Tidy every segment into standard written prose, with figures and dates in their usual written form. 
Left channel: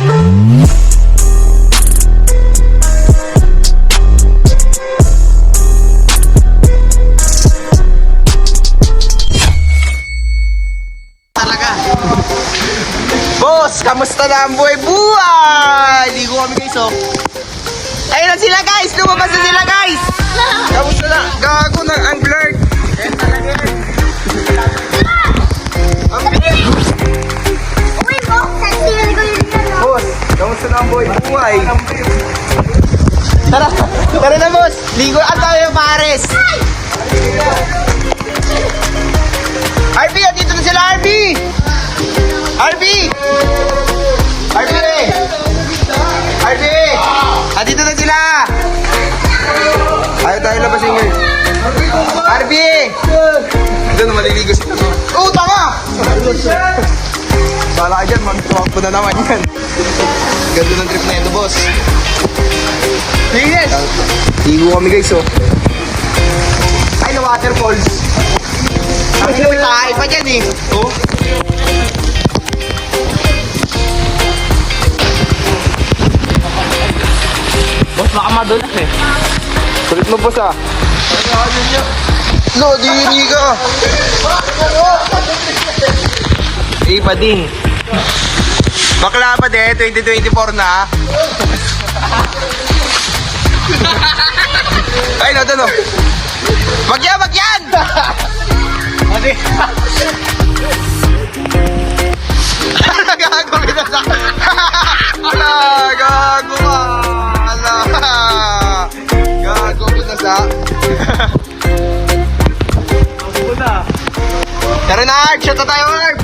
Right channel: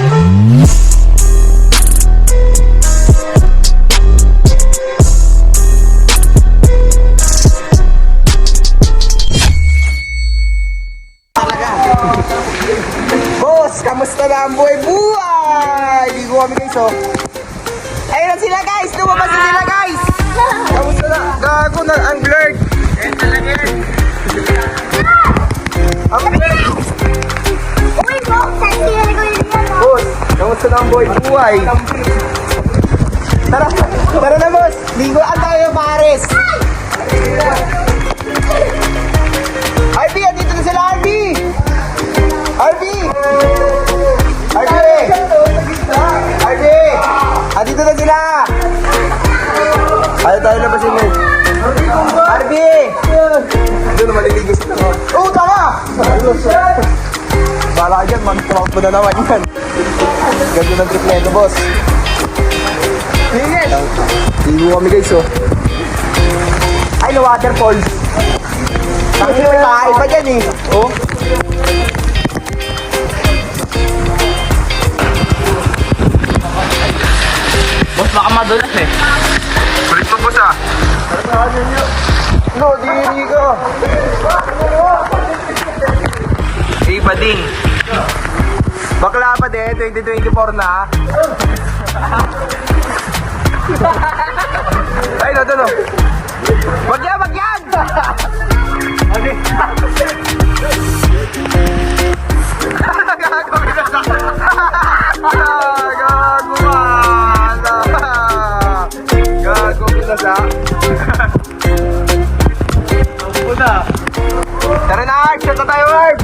Boss, kamusta na ang buhay-buhay? Ligo kami guys, oh. Ayun na sila guys! Lumabas na sila guys! Kamusta na? Gago ng angler! Ang blurred! Boss, kamusta na ang buhay-buhay? Tara! Tara na boss! Ligo at tayo pares! RB! Andito na sila RB! RB! RB! RB! Andito na sila! Ayaw tayo labasin yun. RB! Ito na maliligo sila. Oh, tama! Bala ka dyan, mag-trump na naman yan. Ganda ng trip na ito, boss. Yes! Ligo kami guys, oh. Ay, na waterfalls. Tangin may tahay pa dyan, eh. Oh. Boss, baka madulas eh. Kulit mo po sa. No, diri ka. Iba din. Bakla pa de, 2024 na. Ay, no, no. Wag yan, wag yan! Gago kita sa... Gago ka! Gago kita sa... Tara na, Art! Shot na tayo, Art!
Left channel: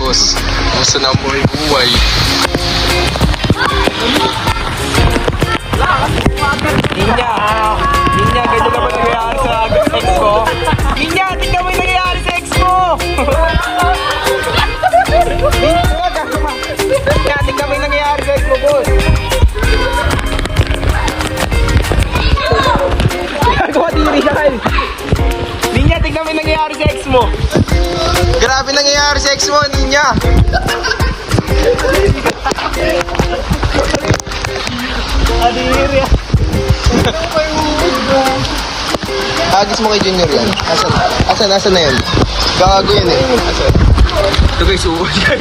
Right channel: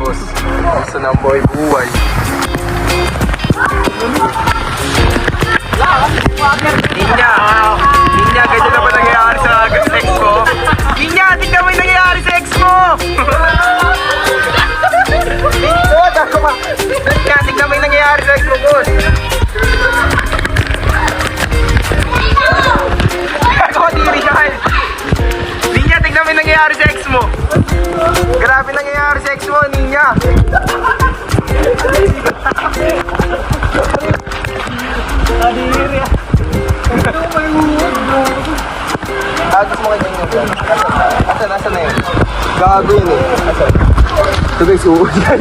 Boss, gusto na ang buhay-buhay. Ninja! Ninja, ganito na ba nangyayari sa ex mo? Ninja, tignan mo yung nangyayari sa ex mo! Ninja, tignan mo yung nangyayari sa ex mo, boss! Gago, diri yan! Ninja, tignan mo yung nangyayari sa ex mo! Grabe nangyayari sa ex mo, Ninya! Adiri! Agos mo kay Junior yan. Asan na yun? Gago yun eh. Asan? Ito guys, yan.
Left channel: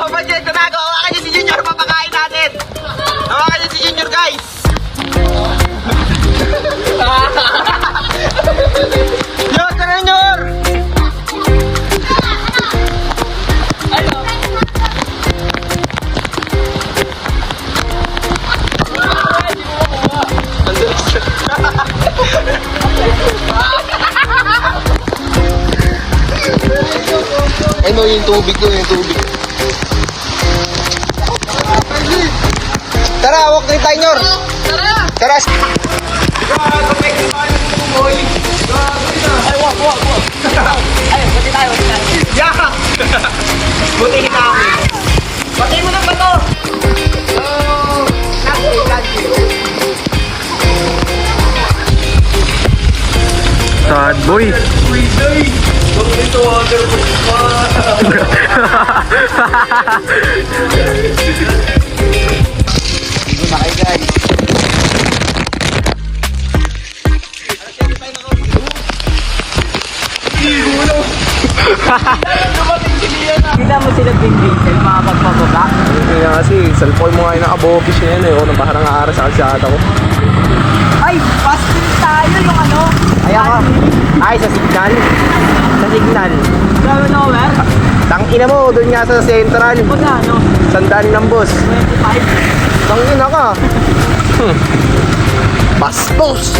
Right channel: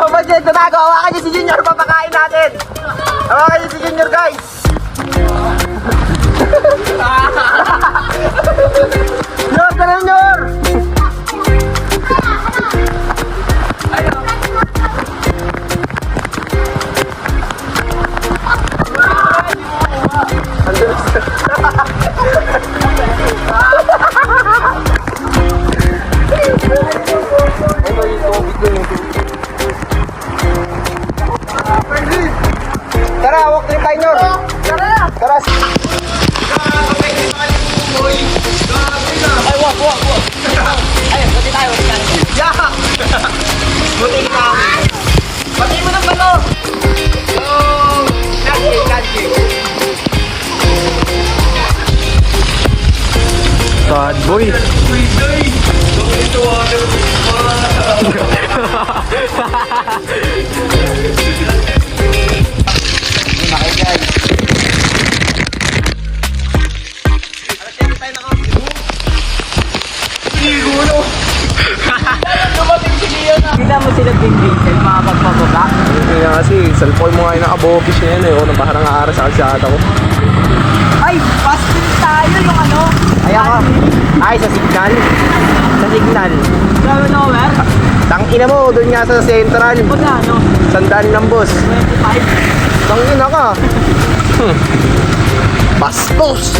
Oh, budget, tumago! Hawakan niyo si Junior, papakain natin! Hawakan niyo si Junior, guys! Junior, tara, Junior! Ano yung tubig ko, yung tubig. Tara, hawak na tayo, Nor. Tara. Ay, wag. Ay, buti tayo. Yeah! Buti kita. Buti mo ng bato. Kanji. Sad boy! Makaigan. Kita mo sila bing-bing, mga pagpapaba. Kaya kasi, cellphone mo nga yung nakabobis na yan eh. O, nang parang aaras sa kalsada ko. Ay, pasting tayo yung ano. Ay, ako. Ay, sa signal. Sa signal. Grabe na over. Tangina mo, doon nga sa central. O na, ano? Sandali ng boss. 25. Tangina ka. Bastos.